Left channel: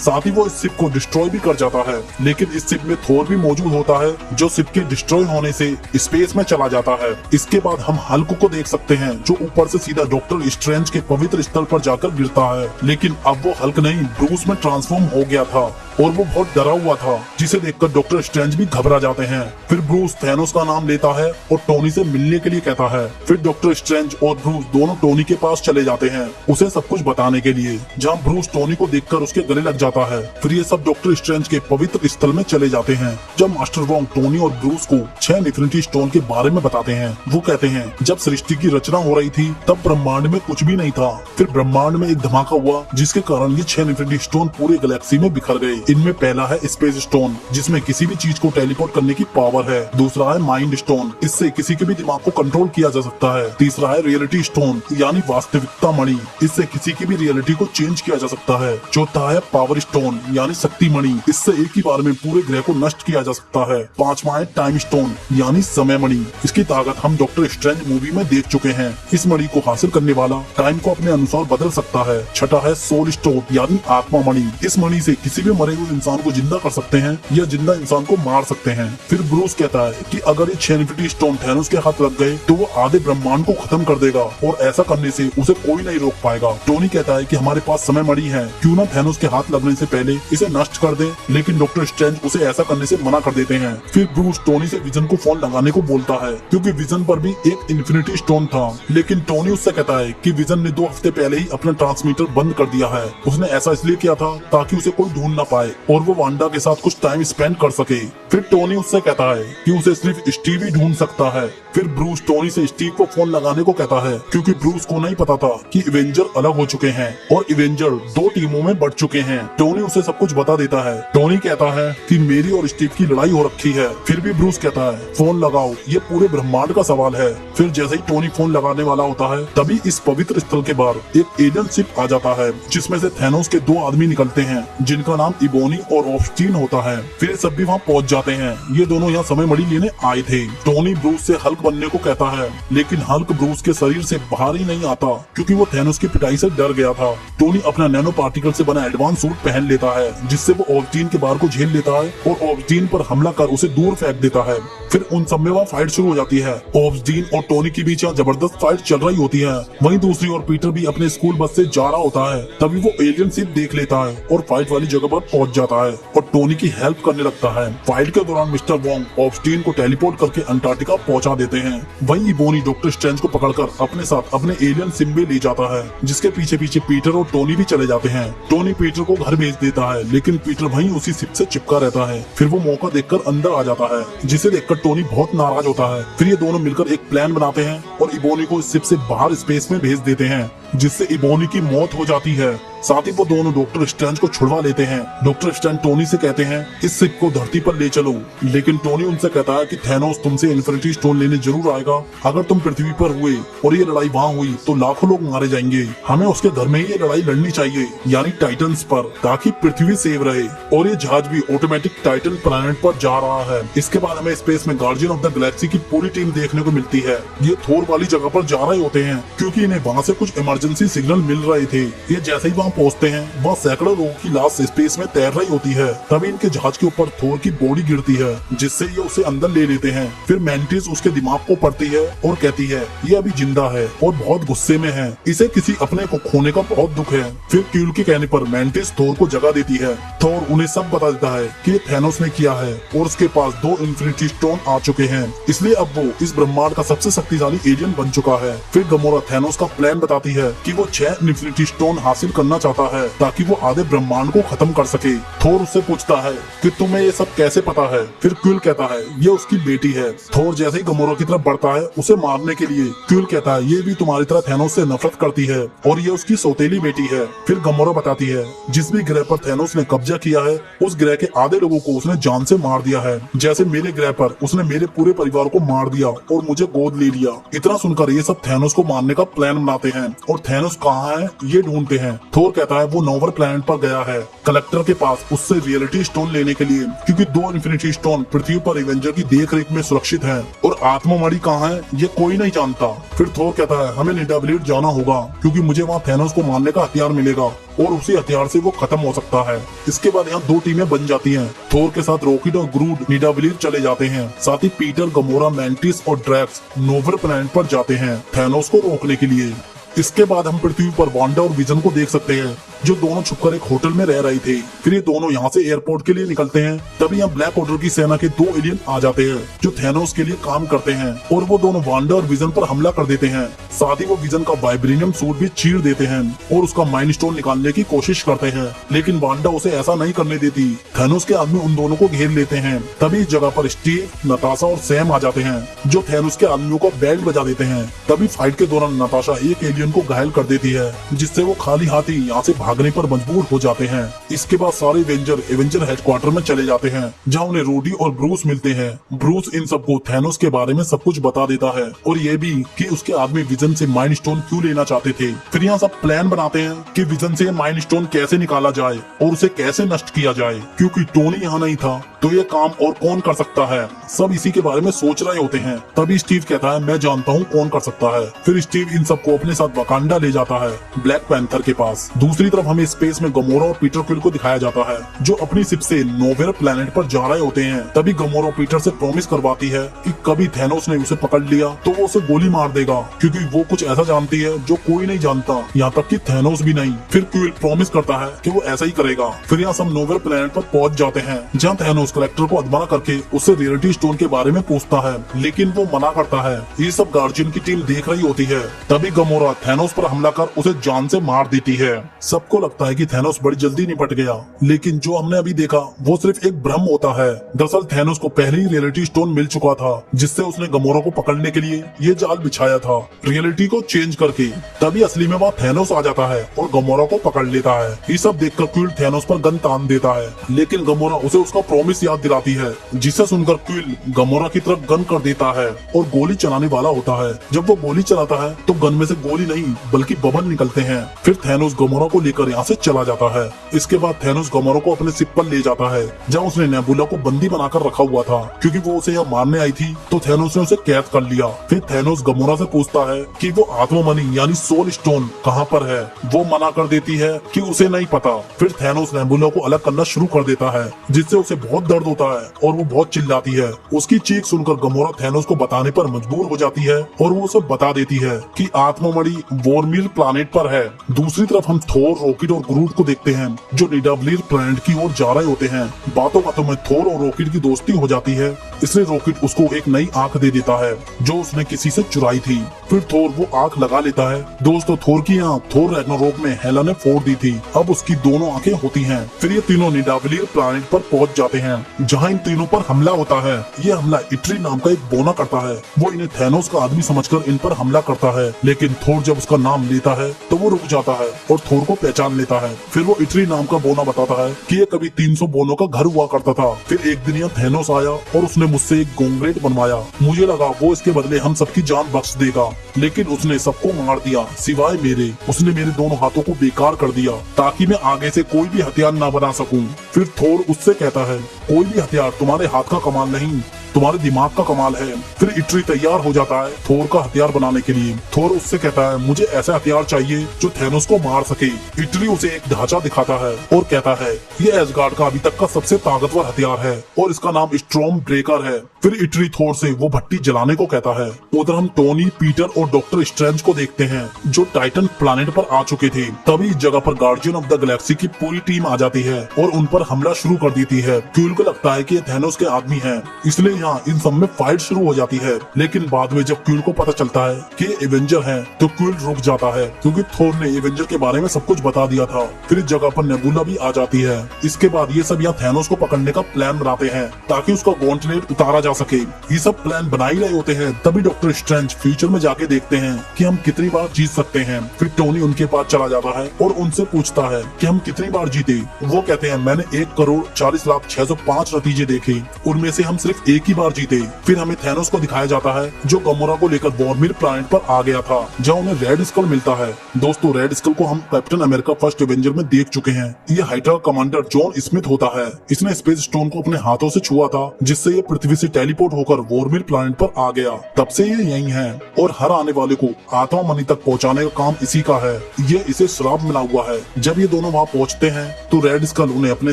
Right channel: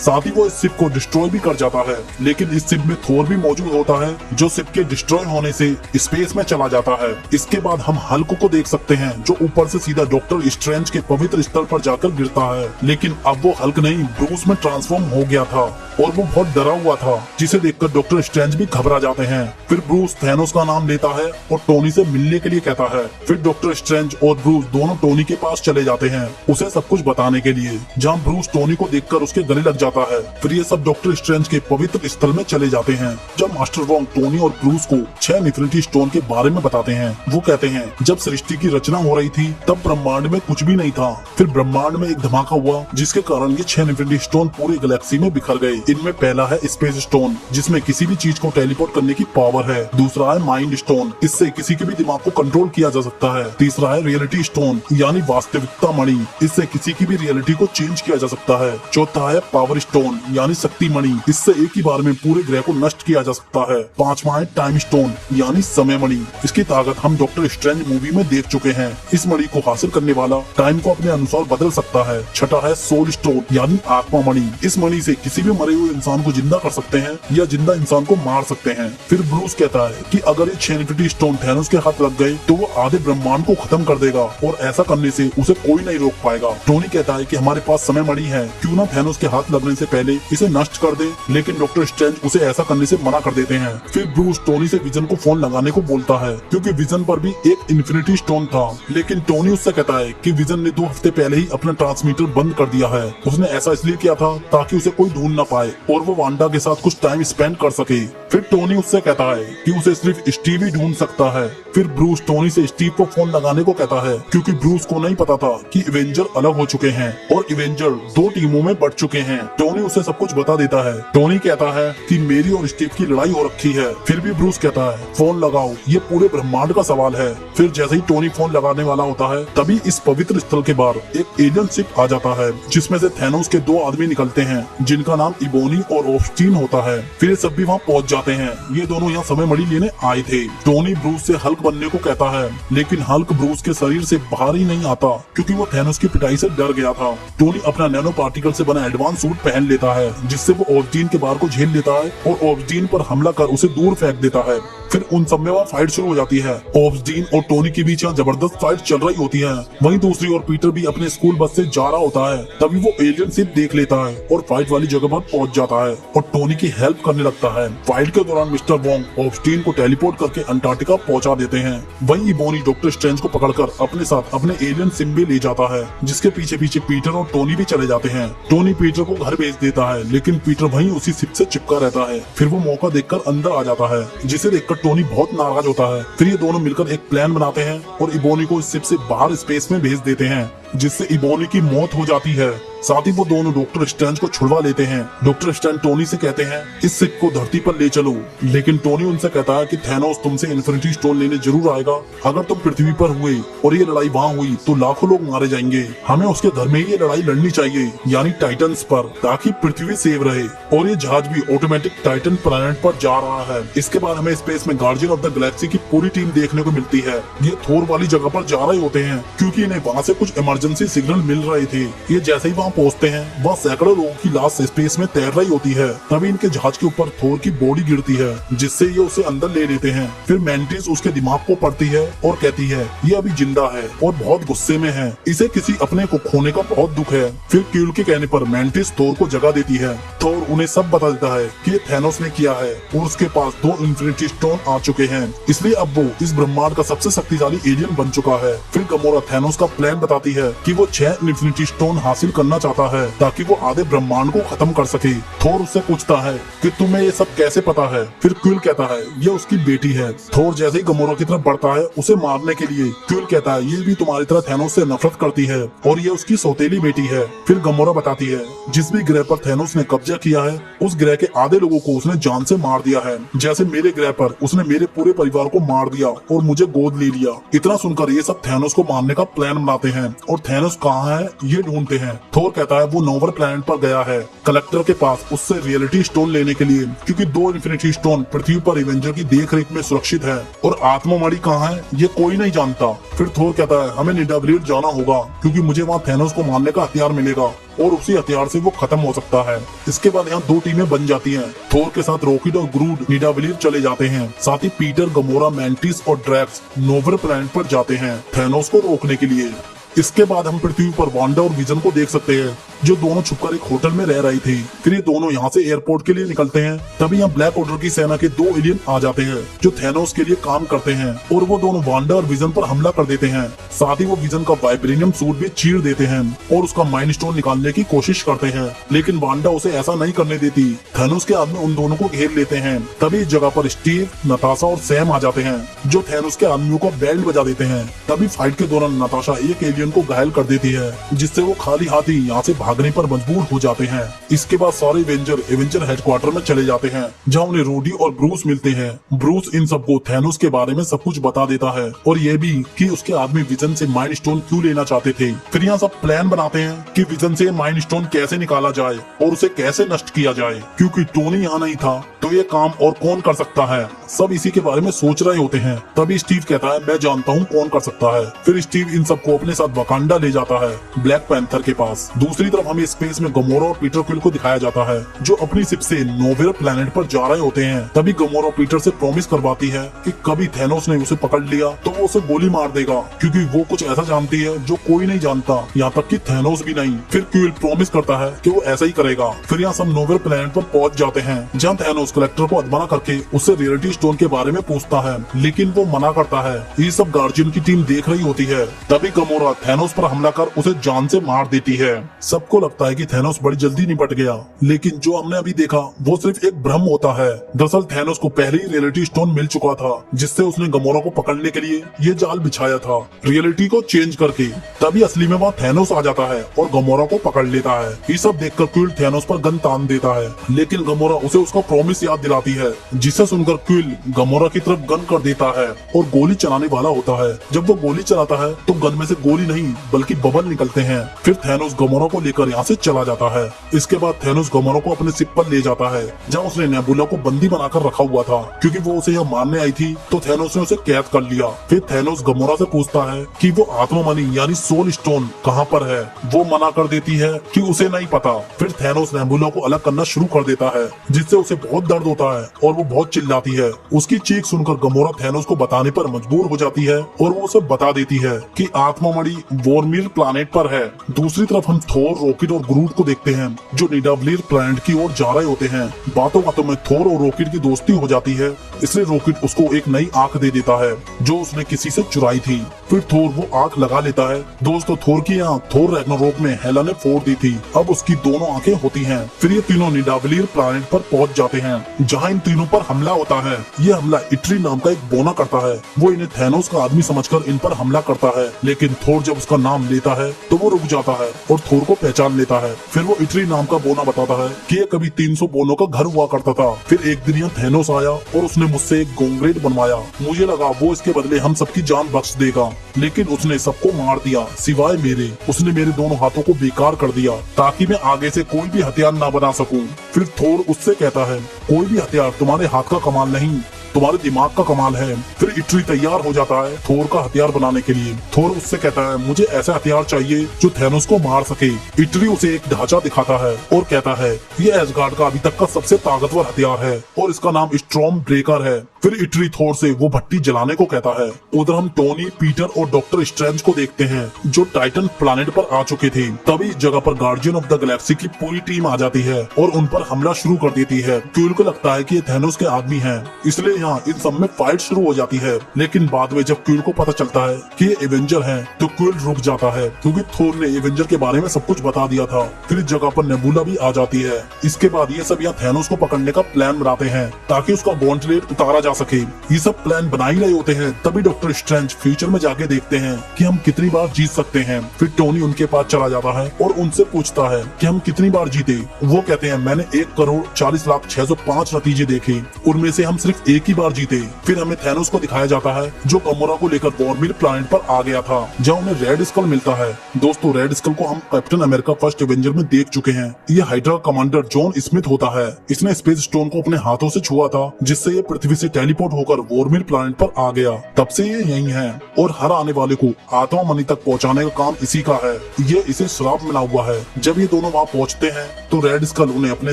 साथ ही वो इस शिप को डिस्ट्रॉय भी कर जाता है। लेकिन इस शिप में थोर भी मौजूद होता है जो शिप के डिस्ट्रॉय होने से स्पेस में चला जाता है। इसके बाद हम हल्क को देख सकते हैं जो ऊपर से सीधा डॉक्टर स्ट्रेंज के पवित्र स्थल पर जाकर गिरता है। लेकिन अब वो हल्क नहीं ब्रूस में ट्रांसफॉर्म हो गया था और वो बहुत डरा हुआ था, जिसे देखकर डॉक्टर स्ट्रेंज भी घबरा जाते हैं। फिर ब्रूस थैनोस का नाम लेता है और टोनी से मिलने के लिए कहता है। फिर डॉक्टर स्ट्रेंज और ब्रूस दोनों टोनी के पास चले जाते हैं उसे सब कुछ बताने के लिए, जहाँ ब्रूस टोनी को देखकर उसके गले लग जाता है। फिर ये सब डॉक्टर स्ट्रेंज के पवित्र स्थल में चले जाते हैं। जब मास्टर वोंग टोनी और ब्रूस को 6 इन्फिनिटी स्टोन के बारे में बताते हैं, वो कहते हैं जब सृष्टि की रचना हो रही थी तब ब्रह्मांड में कुछ भी नहीं था। फिर ब्रह्मांड में एक धमाका हुआ जिसके कारण ये 6 इन्फिनिटी स्टोन पूरी गैलेक्सी में बिखर गए। इनमें पहला है स्पेस स्टोन, जिसमें किसी भी चीज को टेलीपोर्ट करने की पावर है। दूसरा है माइंड स्टोन, इससे किसी के भी दिमाग को कंट्रोल किया जा सकता है। तीसरा है रियलिटी स्टोन यानी वास्तविकता मणि, इससे किसी की भी रियलिटी को चेंज किया जा सकता है। चौथा है पावर स्टोन यानी शक्ति मणि, इससे एक ही बार में पूरे ग्रह को नष्ट किया जा सकता है। पांचवा है टाइम स्टोन यानी समय मणि, इसकी ताकत हम डॉक्टर स्ट्रेंज मूवी में देख चुके हैं। इस मणि को हासिल करने वाला टाइम को अपने अनुसार बदल सकता है। छठा है सोल स्टोन यानी आत्मा मणि, इस मणि से किसी भी मरे हुए इंसान को जिंदा कर सकते हैं या जिंदा इंसान को मार सकते हैं। फिर ब्रूस कहता है कि अगर ये 6 इन्फिनिटी स्टोन थैनोस के हाथ लग गए तो वो आधे ब्रह्मांड को खत्म कर देगा और ऐसा करने से उसे कोई नहीं रोक पाएगा। टोनी कहता है कि हमारे पास समय मणि है, क्यों ना थैनोस के हाथ लगने से पहले इसे नष्ट कर दे, लेकिन डॉक्टर स्ट्रेंज उसे ऐसा करने से मना कर देते हैं। फिर ब्रूस टोनी से विजन को फोन लगाने को बोलता है क्योंकि विजन पर भी एक इन्फिनिटी स्टोन था, लेकिन टोनी उससे कहता है कि विजन ने 2 हफ्ते पहले ही अपना ट्रांसमीटर बंद कर दिया है। उसने ऐसा इसलिए किया था ताकि उसे कोई ढूंढ ना पाए और वो वांडा के साथ कुछ टाइम स्पेंड कर सके। फिर टोनी उससे कहता है कि उसे सिर्फ स्टीव ही ढूंढ सकता है। फिर ब्रूस टोनी से स्टीव को फोन लगाने को कहता है क्योंकि ब्रूस को नहीं पता था कि इवेंजर अलग हो चुके हैं और इवेंजर 2 टीमों में बढ़ चुके हैं। टोनी उसे सब कुछ बता देता है। टोनी कहता है कि मेरी और स्टीव की लड़ाई हो रखी है। फिर भी ब्रूस कहता है फोन लगाओ, ये पूरे ब्रह्मांड का सवाल है। फिर जैसे ही टोनी फोन लगाने वाला होता है तभी इस पवित्र स्थल के बाहर एक एलियन शिप आ जाता है जिसमें से थैनोस के 2 आदमी निकलते हैं जिनका नाम इबोनी और ऑफस्टीन होता है। फिर सब भी वहाँ पहुँच जाते हैं। ये दोनों यहाँ समय मणि लेने आए थे। टोनी ब्रूस से हल्क बनने को कहता है, लेकिन हल्क ब्रूस के शरीर से बाहर ही नहीं आता क्योंकि वो थैनोस की पिटाई से डर गया था। टोनी अपना नैनो पार्टिकल से बना एडवांस सूट पहन लेता है जिससे वो ऑफस्टीन के बाहर को झेल लेता है और ऑफस्टीन पर हमला कर उसे दूर फेंक देता है। फिर उन सब में वहाँ फाइट शुरू हो जाती है। ऑफस्टीन और टोनी के बीच जबरदस्त फाइट चल रही होती है। वहीं दूसरी ओर पीटर भी अपने स्कूल बस से जा रहा होता है। तभी वो एलियन शिप देख लेता है और फाइट वाली जगह पर पहुंच जाता है और टोनी की हेल्प करने लगता है। फाइट के दौरान मिस्टर वोंग ऑफस्टीन को टेलीपोर्ट करके अंटार्कटिका पहुंचा देते हैं। वहीं इबोनी डॉक्टर स्ट्रेंज को पकड़कर अपने साथ अपने एलियन शिप भी ले जाता है जिसके पीछे पीछे पीटर और टोनी भी चले जाते हैं। टोनी पीटर को घर भेज देता है लेकिन पीटर वहीं उसी शिप से चिपका रहता है। फिर वो मौका देखकर अंदर आ जाता है जिसे देखकर टोनी बहुत नाराज होता है। फिर ये दोनों मिलकर एक प्लान बनाते हैं और इबोनी को इस शिप से बाहर स्पेस में भेज देते हैं जिससे इबोनी की मौत हो जाती है। साथ ही वो दोनों डॉक्टर स्ट्रेंज को छुड़वा लेते हैं। डॉक्टर स्ट्रेंज टोनी से कहते हैं इस शिप को धरती पर ले चलो, लेकिन टोनी उनसे कहता है कि थैनोस तुमसे इन्फिनिटी स्टोन लेने जरूर आएगा। अगर तुम पृथ्वी पर हुए और ये लड़ाई वहाँ हुई तो लाखों लोग मारे जाएंगे। हमें उसके घर में ही ये लड़ाई लड़नी चाहिए यानी टाइटन्स पर, ताकि पृथ्वी सेव रहे। और ये जहाज भी ऑटोमेटिक टाइटन प्लैनेट पर जा रहा है। इसके बाद हमें स्पेस में गार्डियन ऑफ द गैलेक्सी की पूरी टीम देखने को मिलती है। ये थोर वाली जगह पर जा रहे होते हैं क्योंकि इन्हें वहाँ से कुछ इमरजेंसी सिग्नल मिल रहे थे। ये जैसे ही वहाँ पहुँचते हैं वह सैकड़ों लोगों की लाश स्पेस में तैर रही होती है। तभी इनके जहाज के ऊपर थोर की बॉडी गिरती है जिससे ये उसे अंदर ले लेते हैं। फिर मैंटिस उसके दिमाग को पढ़ती है और कहती है ये अभी जिंदा है और बहुत गुस्से में है, इसे किसी अपने को खोने का बहुत दुख है। फिर क्यूल के कहने पर मैंटिस थोर को जगा देती है। थोर उन्हें सब बता देता है कि थैनोस ने किया है और उसके पास 2 इन्फिनिटी स्टोन आ चुके हैं, इसलिए अब वो इस ब्रह्मांड का सबसे शक्तिशाली एलियन बन चुका है। फिर गमोरा थैनोस का प्लान बताती है कि वो 6 इन्फिनिटी स्टोन हासिल करना चाहता है ताकि वो आधे ब्रह्मांड को खत्म कर सके। थोर उससे पूछता है कि तुम्हें ये सब कैसे पता है। फिर क्विल कहता है ये उसकी बेटी है। थोर जैसे ही गमोरा की तरफ बढ़ता है उसे मारने के लिए, क्विल कहता है ये भी तुम्हारी तरह थैनोस से नफरत करती है और ये उसकी सौतेली बेटी है। फिर गमोरा बताती है जिस भी ग्रह पर थैनोस ने कब्जा किया है उस ग्रह के आधे लोगों को उसने जान से मार दिया है। जैसे मेरे ग्रह पर उसने मेरे पूरे परिवार को मार दिया और मुझे गोद ले लिया। इतना सुनकर ये सब थैनोस को मारने का प्लान बनाते हैं और थैनोस कहाँ है ये ढूंढते हैं। थोर कहता है वो नोवर प्लैनेट पर गया है कलेक्टर के पास उससे रियलिटी स्टोन लेने के लिए, क्योंकि 2 इन्फिनिटी स्टोन पृथ्वी पर एवेंजर की देखरेख में सुरक्षित है और आत्ममारी कहाँ है ये कोई नहीं जानता। फिर थोर कहता है हमें निडावलीर जाना होगा क्योंकि मुझे वहाँ थैनोस को मारने का हथियार मिलेगा और उसी हथियार से वो खत्म हो सकता है। इसके बाद यहाँ 2 टीमें बन जाती हैं। थोर के साथ रॉकेट और ग्रूड निडावलीर चले जाते हैं, साथ ही पीटर, गमोरा, मैंटिस और ड्रैक्स नोवर प्लैनेट पर जाते हैं थैनोस को रोकने के लिए। इसके बाद हम पृथ्वी पर वांडा और विजन को देख सकते हैं जो दोनों छुपकर एक होटल में रह रहे थे। फिर ये दोनों यहाँ से एयरपोर्ट के लिए निकलते हैं। तभी यहाँ ब्लैक ऑर्डर की सेना के 2 एलियन आ जाते हैं जो थैनोस के लिए काम करते हैं और वो दोनों वांडा और विजन पर हमला कर देते हैं। साथ ही वो विजन का वाइब्रेनियम सूट भी चीर देते हैं और उसका माइंड स्टोन निकालने की कोशिश करते हैं, लेकिन वांडा उसे ऐसा नहीं करने देती। थैनोस के आदमी उन दोनों को घेर लेते हैं। तभी इस जगह पर स्टीव, नताशा और सैम आ जाते हैं जो थैनोस के आदमियों को बेल्ट बजा देते हैं। तभी फाइट के दौरान नताशा एक एलियन को घायल कर देती है जिससे वो खाली हाथ ही यहाँ से भागने पर मजबूर हो जाते हैं। इसके बाद सारे एवेंजर हेडक्वार्टर में चले जाते हैं जहाँ उन्हें रूडी और ब्रूस मिलते हैं। ब्रूस इन सबको थैनोस के बारे में सब कुछ बता देता है और ये भी कि उसके आदमी विजन से माइंड स्टोन क्यों लेना चाहते थे। फिर यहाँ सब प्लान बनाते हैं कि विजन से माइंड स्टोन कैसे निकाला जाए और उसे कैसे नष्ट किया जाए, क्योंकि टोनी यहाँ नहीं था तो ये काम और कौन कर सकता है। सब इसी के बारे में सोच रहे होते हैं। तभी स्टीव कहता है मैं जानता हूँ कौन कर सकता है। फिर स्टीव इन सबको अपने साथ वकांडा ले जाता है ब्लैक पैंथर के पास। दूसरी तरफ हमें स्पेस में गमोरा और पीटर क्विल को दिखाया जाता है जो अपनी शिप से नोवेरा प्लैनेट पर जा रहे होते हैं। तभी गमोरा पीटर से प्रॉमिस करवाती है कि कभी थैनोस ने उसे पकड़ लिया तो वो उसे गोली मार देगा, क्योंकि वो कुछ ऐसा जानती है जो कोई नहीं जानता, यहाँ तक कि थैनोस भी नहीं। फिर क्विल प्रॉमिस करता है कि वो ऐसा ही करेगा। फिर यहाँ सब नोवेरा प्लैनेट पर पहुंच जाते हैं जहाँ थैनोस कलेक्टर को अधमरा करके उससे रियलिटी स्टोन के बारे में पूछता है, लेकिन वो मना करता है। ये सब गार्जियन की टीम देख रही होती है। तभी गमोरा थैनोस पर हमला कर उसे जान से मार देती है। सबको लगता है कि थैनोस बड़ी जल्दी निपट गया, लेकिन जो हमने अभी देखा वो सिर्फ एक भ्रम होता है। दरअसल थैनोस को पहले ही रियलिटी स्टोन मिल चुका था जिससे उसने गमोरा को पकड़ने के लिए ये जाल बिछाया था रियलिटी को चेंज करके। तभी असली में वह थैनोस आ जाता है और गमोरा को पकड़ लेता है। ये सब देखकर क्विल थैनोस पर गन तान देता है, लेकिन गमोरा उसे उसका प्रॉमिस याद दिलाती है, जिसे सुनकर क्विल गमोरा की तरफ गन कर देता है और गोली चलाने वाला होता है। जब वो गोली चलाता है तो गन में से गोली नहीं बल्कि बबल निकलते हैं। फिर थैनोस गमोरा को लेकर यहाँ से चला जाता है। इसके बाद थैनोस गमोरा को अपने शिप पर ले जाता है जहाँ उसने नेबुला को बंदी बनाकर रखा हुआ था, क्योंकि वो उसे यहाँ मारने आई थी तो थैनोस ने उसे कैद कर लिया। फिर थैनोस गमोरा से पूछता है कि वो आत्ममणि यानी सोल स्टोन कहाँ पर है। वो मना कर देती है कि उसे नहीं पता। फिर थैनोस नेबुला को अलग करना शुरू कर देता है जिससे उसे बहुत दर्द होता है और वो बहुत चिल्लाती है। उसकी चीख सुनकर गमोरा थैनोस को बताने पर मजबूर हो जाती है और वो उसे बता देती है कि आत्ममणि वोरमीर प्लैनेट पर है। दूसरी तरफ हम थोर, रॉकेट और ग्रूट को देखते हैं जो निडावलीर प्लैनेट की ओर जा रहे होते हैं। बातों बातों में थोर और रॉकेट की दोस्ती हो जाती है, इसलिए रॉकेट उसको एक नई आंख दे देता है जो उसने किसी से चुराई थी। फिर थोर वो आंख लगा लेता है। दोस्तों थोर की आंख थोर रैग्नारोक में हेला ने फोड़ दी थी, अब उसकी दोनों आंखें होती हैं। फिर ये तीनों निडावलीर प्लैनेट पर पहुंच जाते हैं जहां इन तीनों पर हमला होता है। ये हमला इट्री नाम का एक बोना करता है। वो इन्हें थैनोस का आदमी समझकर इन पर हमला करता है, लेकिन थोर जब उसका नाम लेता है तो वो रुक जाता है और थोर को पहचान लेता है। फिर वो इट्री नाम का बोना बताता है कि ये कभी 300 बोनों का घर हुआ करता था। फिर एक दिन यहाँ थैनोस आया और उसने मुझसे एक गोंगरेट बनवाया। मुझे लगा वो इसके बदले हम सबकी जान बख्श देगा, लेकिन उसने सबको मार दिया सिवाय मेरे। उसने मेरे दोनों हाथों को बेकार कर दिया ताकि मैं आगे से कोई भी हथियार ना बना सकूं। फिर थोर उससे कहता है कोई भी हथियार तुम्हारे हाथ का कमाल नहीं, तुम्हारे दिमाग का कमाल है। फिर इट्री तैयार हो जाता है थोर का हथियार बनाने के लिए। थोर उससे कहता है मुझे ऐसा हथियार चाहिए जो थैनोस को मार सके। इट्री उसे एक ढांचा दिखाता है और कहता है ये एसगार्ड का अभी तक का सबसे ताकतवर हथियार है और इसका नाम स्टॉर्म ब्रेकर है। फिर इट्री थोर से वो भट्टी जलाने को कहता है। उधर हम टोनी, पीटर और डॉक्टर स्ट्रेंज को देखते हैं जो टाइटन प्लैनेट पर आ चुके थे। तभी इस जगह पर गार्डियन ऑफ द गैलेक्सी की पूरी टीम आ जाती है और उन पर हमला शुरू कर देती है। क्विल को लगता है कि ये थैनोस के आदमी हैं, इसलिए यहाँ इन सब में फाइट शुरू हो जाती है। लेकिन बाद में जब क्विल को पता चलता है कि ये एवेंजर हैं, तो क्विल रुक जाता है क्योंकि थोर ने एवेंजर के बारे में सब कुछ बता दिया था। फिर इस जगह पर नेबुला भी आ जाती है। इसके बाद ये सब यहाँ थैनोस को पकड़ने का प्लान बनाते हैं ताकि उसका गॉन्टलेट उतारा जा सके। ये सब प्लान बना ही रहे होते हैं तभी डॉक्टर स्ट्रेंज फ्यूचर में जाके देखते हैं कि हम कितनी बार जीत सकते हैं। फिर टोनी उनके पास चला जाता है और उनसे पूछता है कि हम कितनी बार जीते। वो कहते हैं मैंने 1,40,40,605 नतीजे देखे, उनमें से हम सिर्फ एक ही की बार जीते। फिर हमें थैनोस को दिखाया जाता है जो गमोरा को लेकर वॉर्मिर प्लैनेट पर आ गया था, जहाँ उन्हें रेड स्कल मिलता है। दोस्तों, रेड स्कल को हम कैप्टन अमेरिका फर्स्ट एवेंजर में देख चुके हैं। ये हाइड्रा कमांडर जॉन स्मिथ होता है। इसने स्पेस स्टोन को अपने हाथों से छुआ था, जिससे ये पृथ्वी से टेलीपोर्ट होकर वॉर्मिर प्लैनेट पर आ गया। तब से ये यही है और हर आने वाले को आत्मा मणि तक पहुँचाने का काम इसी का है। ये इसे श्राप मिला हुआ है। जब ये दोनों वहाँ पहुँचते हैं तो रेड स्कल उन्हें अपने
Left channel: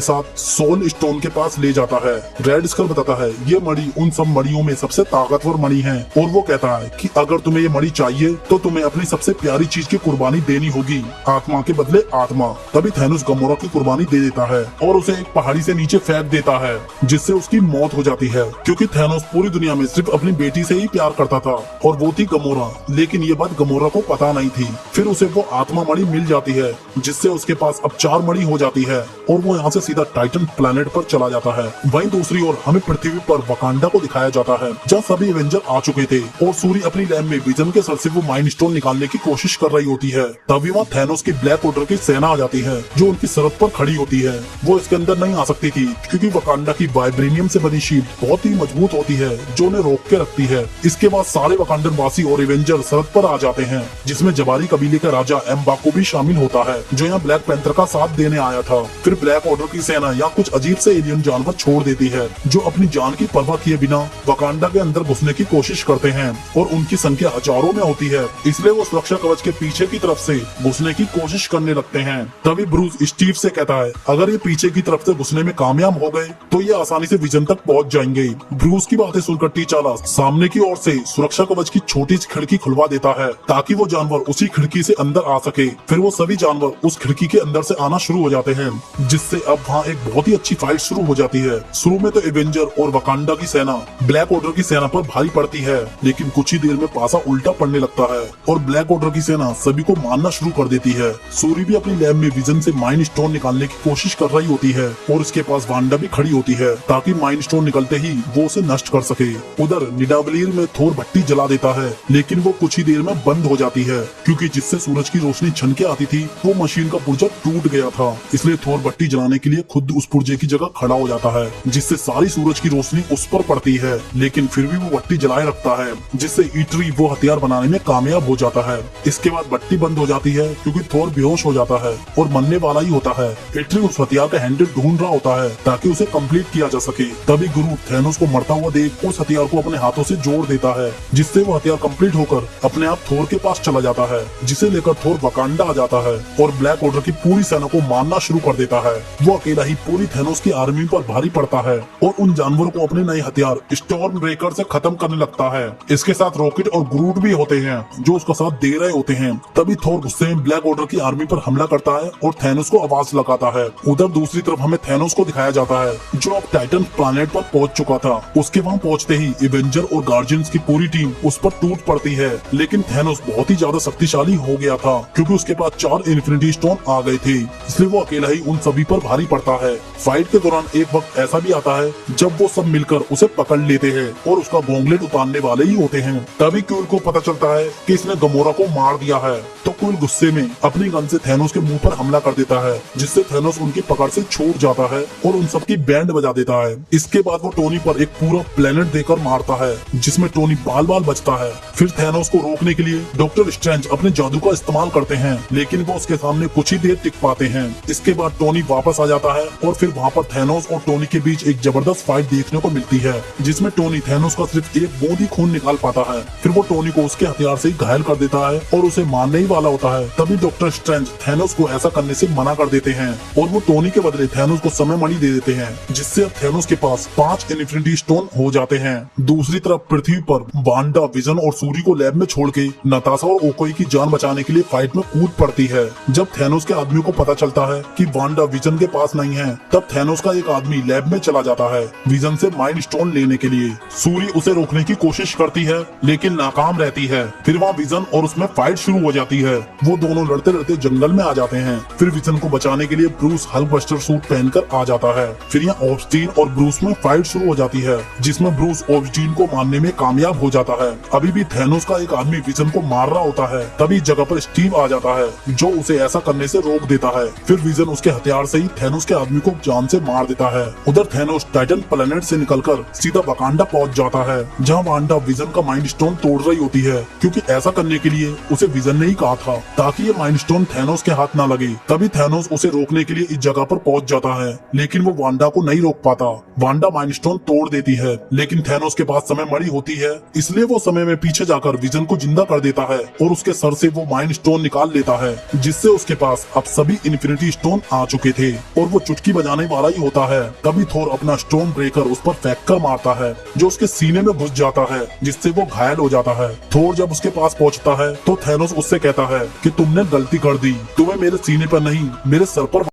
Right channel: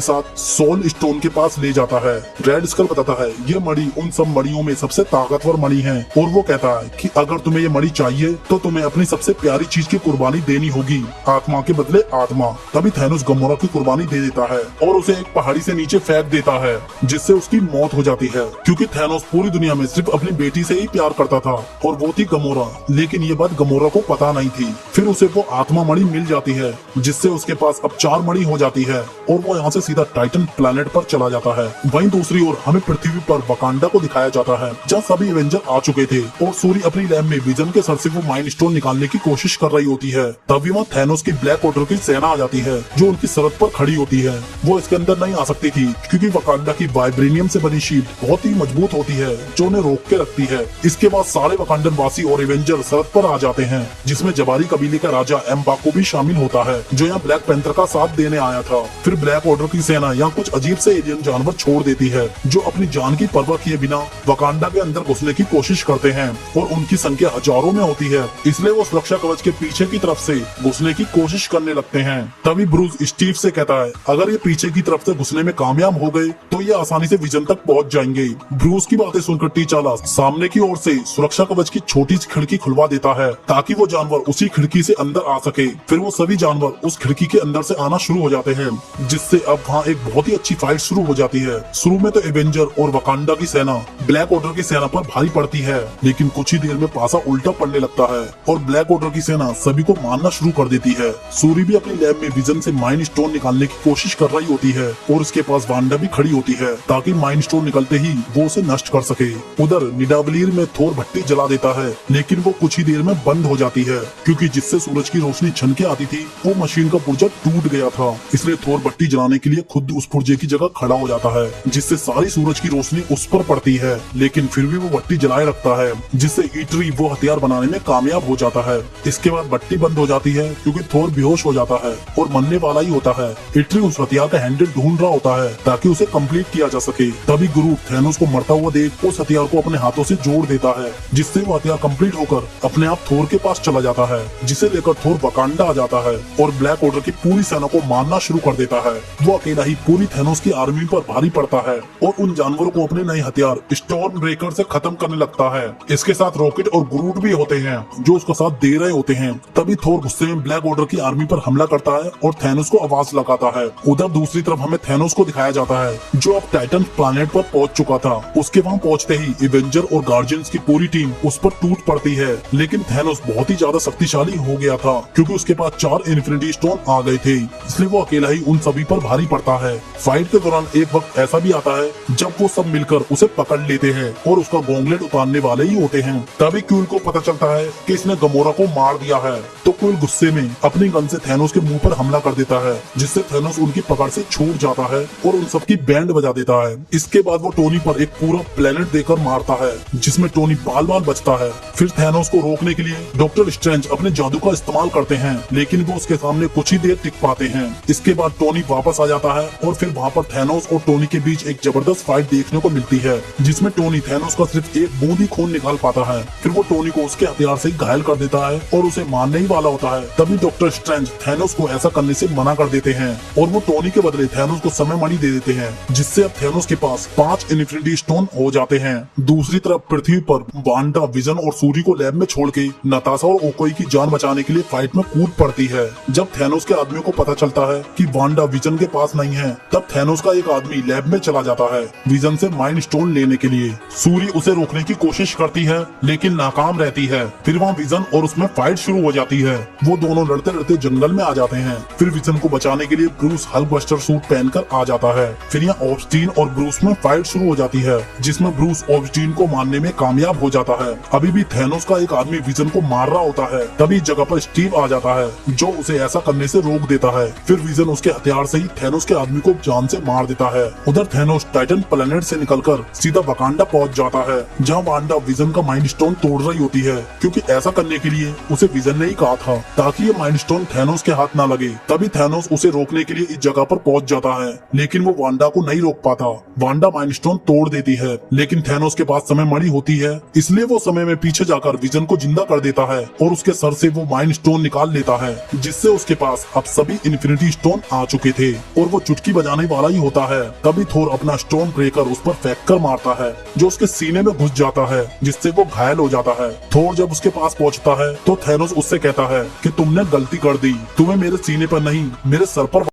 साथ सोल स्टोन के पास ले जाता है। रेड स्कल बताता है ये मणि उन सब मणियों में सबसे ताकतवर मणि है, और वो कहता है कि अगर तुम्हें ये मणि चाहिए तो तुम्हें अपनी सबसे प्यारी चीज की कुर्बानी देनी होगी, आत्मा के बदले आत्मा। तभी थैनोस गमोरा की कुर्बानी दे देता है और उसे एक पहाड़ी से नीचे फेंक देता है, जिससे उसकी मौत हो जाती है। क्योंकि थैनोस पूरी दुनिया में सिर्फ अपनी बेटी से ही प्यार करता था और वो थी गमोरा, लेकिन ये बात गमोरा को पता नहीं थी। फिर उसे वो आत्मा मणि मिल जाती है, जिससे उसके पास अब 4 मणि हो जाती है और वो यहाँ से सीधा टाइटन प्लैनेट पर चला जाता है। वहीं दूसरी ओर हमें पृथ्वी पर वकांडा को दिखाया जाता है, जहाँ सभी एवेंजर आ चुके थे और सूरी अपनी लैब में विजन के सर से वो माइंड स्टोन निकालने की कोशिश कर रही होती है। तभी वहाँ थैनोस की ब्लैक ऑर्डर की सेना आ जाती है, जो उनकी सरहद पर खड़ी होती है। वो इसके अंदर नहीं आ सकती थी क्योंकि वकांडा की वाइब्रेनियम से बनी शील्ड बहुत ही मजबूत होती है, जो उन्हें रोक के रखती है। इसके बाद सारे वकांडन वासी और एवेंजर सरहद पर आ जाते हैं, जिसमें जबारी कबीले का राजा एम्बाकू भी शामिल होता है, जो यहाँ ब्लैक पैंथर का साथ देने आया था। फिर ब्लैक ऑर्डर की सेना यहाँ कुछ अजीब से एलियन जानवर छोड़ देती है, जो अपनी जान की परवाह किए बिना वकांडा के अंदर घुसने की कोशिश करते हैं और उनकी संख्या हजारों में होती है, इसलिए वो सुरक्षा कवच के पीछे की तरफ से घुसने की कोशिश करने लगते हैं। तभी ब्रूस स्टीव से कहता है अगर ये पीछे की तरफ से घुसने में कामयाब हो गए तो ये आसानी से विजन तक पहुंच जाएंगे। ब्रूस की बातें सुनकर टीचाला सामने की ओर से सुरक्षा कवच की छोटी सी खिड़की खुलवा देता है ताकि वो जानवर उसी खिड़की से अंदर आ सके। फिर वो सभी जानवर उस खिड़की के अंदर से आना शुरू हो जाते हैं, जिससे अब वहाँ एक बहुत ही अच्छी फाइट शुरू हो जाती है। शुरू में तो एवेंजर और वकांडा की सेना ब्लैक ऑर्डर की सेना पर भारी पड़ती है, लेकिन कुछ ही देर में पासा उल्टा पड़ने लगता है और ब्लैक ऑर्डर की सेना सभी को मारना शुरू कर देती है। सूरी भी अपनी लैब में विजन से माइंड स्टोन निकालने की कोशिश कर रही होती है और उसके पास वांडा भी खड़ी होती है ताकि माइंड स्टोन निकलते ही वो उसे नष्ट कर सके। उधर निडावलीर में थोर भट्टी जला देता है, लेकिन वो कुछ ही देर में बंद हो जाती है क्योंकि जिससे सूरज की रोशनी छनके आती थी वो मशीन का पुर्जा टूट गया था। इसलिए थोर भट्टी जलाने के लिए खुद उस पुर्जे की जगह खड़ा हो जाता है, जिससे सारी सूरज की रोशनी उस पर पड़ती है, लेकिन फिर भी वो भट्टी जलाए रखता है, जिससे ईटरी वो हथियार बनाने में कामयाब हो जाता है। इसके बाद भट्टी बंद हो जाती है क्योंकि थोर बेहोश हो जाता है और मरने वाला ही होता है। ईटरी उस हथियार का हैंडल ढूंढ रहा होता है ताकि उसे कंप्लीट किया जा सके। तभी गुरु थैनोस को मरता हुआ देख उस हथियार को अपने हाथों से जोड़ देता है, जिससे वो हथियार कंप्लीट होकर अपने आप थोर के पास चला जाता है, जिसे लेकर थोर वकांडा आ जाता है और ब्लैक ऑर्डर की पूरी सेना को मारना शुरू कर देता है। वो अकेला ही पूरी थैनोस की आर्मी पर भारी पड़ता है और उन जानवरों को अपने नए हथियार स्टॉर्म ब्रेकर से खत्म करने लगता है। इसके साथ रॉकेट और ग्रूट भी होते हैं जो उसका साथ दे रहे होते हैं। तभी थोर गुस्से में ब्लैक ऑर्डर की आर्मी पर हमला करता है और थैनोस को आवाज लगाता है। उधर दूसरी तरफ हमें थैनोस को दिखाया जाता है जो अब टाइटन प्लैनेट पर पहुंच चुका था। उसके वहां पहुंचते ही एवेंजर और गार्जियंस की पूरी टीम उस पर टूट पड़ती है, लेकिन थैनोस बहुत ही ज्यादा शक्तिशाली हो गया था क्योंकि उसके पास 4 इन्फिनिटी स्टोन आ गए थे, इसलिए वो अकेला ही उन सभी पर भारी पड़ता है। फाइट के दौरान एक वक्त ऐसा भी आता है जब वो सब मिलकर उसे पकड़ लेते हैं और उसका गॉन्गलेट उतारने वाले ही होते हैं। तभी क्यूल को पता चलता है कि इसने गमोरा को मार दिया है, तो क्यूल गुस्से में अपनी गन से थैनोस के मुंह पर हमला कर देता है, जिससे थैनोस उनकी पकड़ से छूट जाता है और उन सबकी बैंड बजा देता है। इसके बाद वो टोनी पर एक पूरा प्लेनेट देकर मारता है, जिसमें टोनी बाल बाल बचता है। फिर थैनोस को रोकने के लिए डॉक्टर स्ट्रेंज अपने जादू का इस्तेमाल करते हैं, लेकिन वो उसके सामने कुछ ही देर टिक पाते हैं। इसके बाद टोनी वापस आ जाता है और फिर वहाँ पर थैनोस और टोनी के बीच एक जबरदस्त फाइट देखने को मिलती है, जिसमें टोनी थैनोस का सिर्फ एक बूंद ही खून निकाल पाता है। फिर वो टोनी को उसके हथियार से घायल कर देता है और उसे मारने ही वाला होता है। तभी डॉक्टर स्ट्रेंज थैनोस को ऐसा करने से मना कर देते हैं और वो टोनी के बदले थैनोस को समय मणि दे देते हैं, जिससे अब थैनोस के पास 5 इन्फिनिटी स्टोन हो जाते हैं। दूसरी तरफ पृथ्वी पर वांडा विजन और सूरी को लैब में छोड़ के नताशा और ओकोई की जान बचाने के लिए फाइट में कूद पड़ती है। जब थैनोस के आदमियों को पता चलता है कि वांडा विजन के पास नहीं है, तब थैनोस का एक आदमी लैब में चला जाता है विजन से माइंड स्टोन लेने के लिए। सूरी उसे रोकने की कोशिश करती है लेकिन नाकाम रहती है। फिर वहाँ विजन और उसमें फाइट शुरू हो जाती है। वो दोनों लड़ते लड़ते जंगल में आ जाते हैं। फिर विजन को बचाने के लिए ब्रूस हल्क बस्टर सूट पहनकर आ जाता है। फिर यहाँ ऑब्स्टीन और ब्रूस में फाइट शुरू हो जाती है, जिसमें ब्रूस ऑब्स्टीन को मारने में कामयाब हो जाता है। अभी भी थैनोस का एक आदमी विजन को मार रहा होता है, तभी जगह पर स्टीव आ जाता है जो उसे ऐसा करने से रोक देता है। फिर विजन उसके हथियार से ही थैनोस के आदमी को जान से मार देता है। उधर थैनोस टाइटन प्लैनेट से निकलकर सीधा वकांडा पहुंच जाता है, जहां वांडा विजन का माइंड स्टोन तोड़ रही होती है, क्योंकि ऐसा करने के लिए उसे विजन ने ही कहा था ताकि ये माइंड स्टोन थैनोस के हाथ न लगे। तभी थैनोस उसे रोकने के लिए इस जगह पर पहुंच जाता है, लेकिन वो वांडा को नहीं रोक पाता। वांडा माइंड स्टोन तोड़ देती है, लेकिन थैनोस के पास समय मणि होती है, इसलिए वो समय में पीछे जाकर विजन को जिंदा कर देता है और उसके सर से वो माइंड स्टोन निकाल लेता है, जिससे उसके पास अब सभी इन्फिनिटी स्टोन आ चुके थे और वो चुटकी बजाने वाला ही होता है। तभी थोर अपना स्टोन ब्रेकर उस पर फेंक कर मारता है, जो उसके सीने में घुस जाता है, जिससे वो घायल हो जाता है। थोर जब उसके पास पहुंचता है तो थैनोस उससे कहता है कि तुमने गलती कर दी, तुम्हें मेरे सीने पर नहीं मेरे सर पर